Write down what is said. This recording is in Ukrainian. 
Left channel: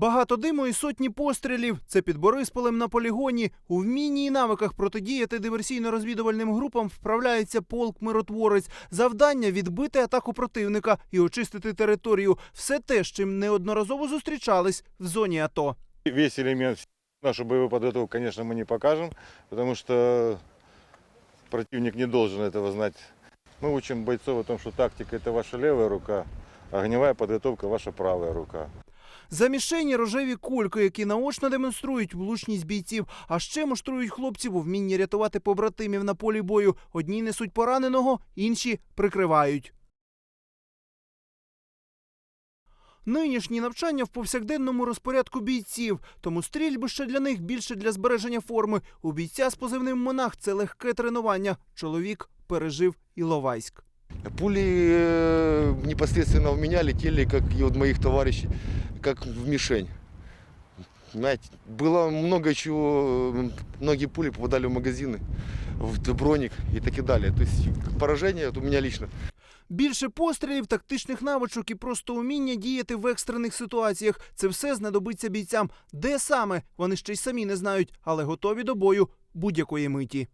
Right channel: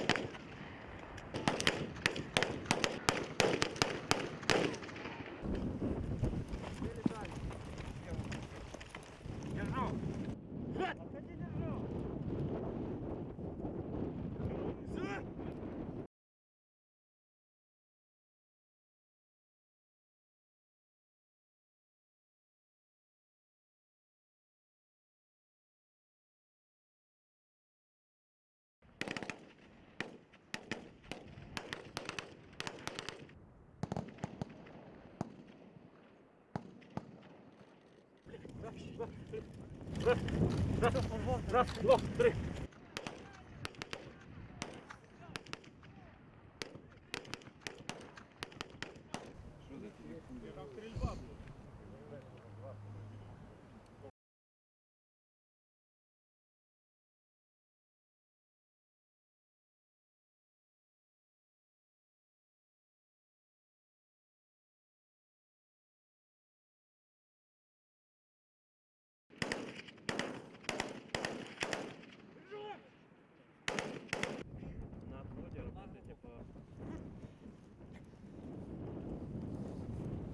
Багато диму і сотні пострілів. Це під Борисполем на полігоні. У вмінні і навиках протидіяти диверсійно-розвідувальним групам вправляється полк миротворець. Завдання відбити атаку противника і очистити територію. Все те, з чим неодноразово зустрічались в зоні АТО. Весь элемент, нашу боевую подготовку, конечно, мы не покажем, потому что противник не должен этого знать. Мы учим бойцов о том, что тактика – это ваша левая рука, а огневая подготовка – ваша правая рука. За мішені рожеві кульки, які наочно демонструють влучність бійців, а ще муштрують хлопців у вмінні рятувати побратимів на полі бою. Одні несуть пораненого, інші прикривають. Нинішні навчання в повсякденному розпорядку бійців, тому стрільби ще для них більше для збереження форми. У бійця з позивним монах це легке тренування. Чоловік пережив Іловайськ. Пули э, непосредственно в меня летели, как и от моих товарищей, как в мишень. Знаете, было много чего, э, многие пули попадали в магазины, в броник и так и далее. То есть поражение вот у меня лично. Більше пострілів, тактичних навичок і просто уміння діяти в екстрених ситуаціях. Це все знадобиться бійцям. Де саме вони ще й самі не знають, але готові до бою будь-якої миті.